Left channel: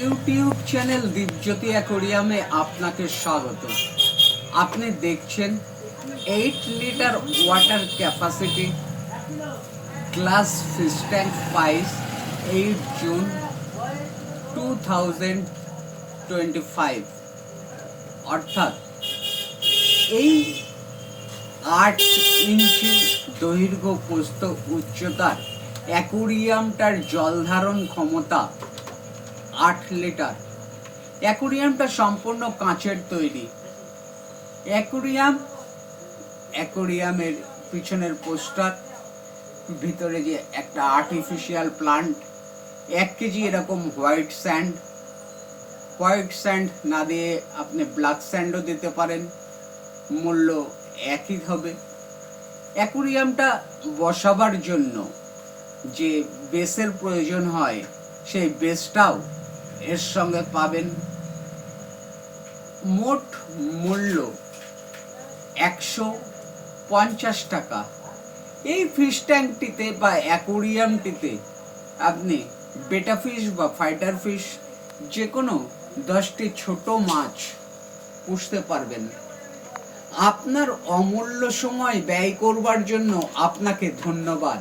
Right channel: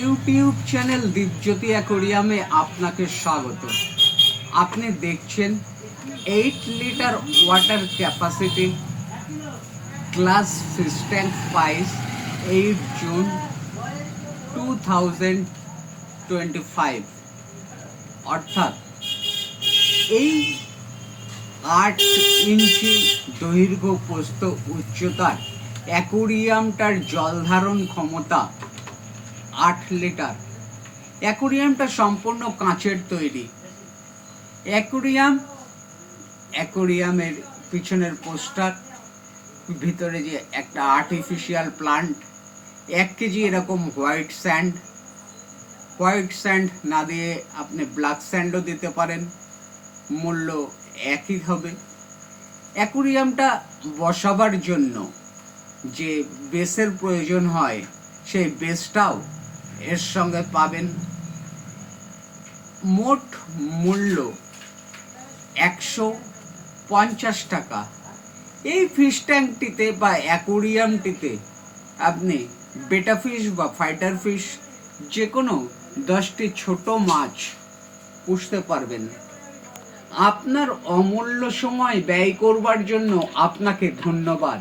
YouTube channel Dipjyoti অ্যাকোরিয়ামে আপনাকে স্বাগত। আপনি দেখছেন 8 litre water capacity glass fish tank পাইস 8 জুন 2025, অর্থাৎ এই 8 ইঞ্চি দৈর্ঘ্য প্রস্থ উচ্চতার অ্যাকোরিয়ামটার জল ধারণ ক্ষমতা 8 লিটার। অ্যাকোরিয়ামটা সম্পূর্ণ কাঁচের তৈরি। অ্যাকোরিয়ামের পিছনের পোস্টার, ভিতরে যে একটা আর্টিফিশিয়াল প্লান্ট, 1 কেজি এরকম হোয়াইট স্যান্ড না দিয়ে আপনি ব্ল্যাক স্যান্ডও দিতে পারেন, মূল্য একই হবে। অ্যাকোরিয়ামটা বসাবার জন্য যে বেসের প্রয়োজন হয়, সেই বেসটাও এর সঙ্গে পাবেন। মোট মূল্য 150 টাকা। এই ফিশ ট্যাঙ্কটিতে বা অ্যাকোরিয়ামটিতে আপনি বেটা ফিশ বা ফাইটার ফিশ যে কোনো 10টি ছোট মাছ পুষতে পারবেন। আপনার অমূল্য সময় ব্যয় করবার জন্য আপনাকে ধন্যবাদ।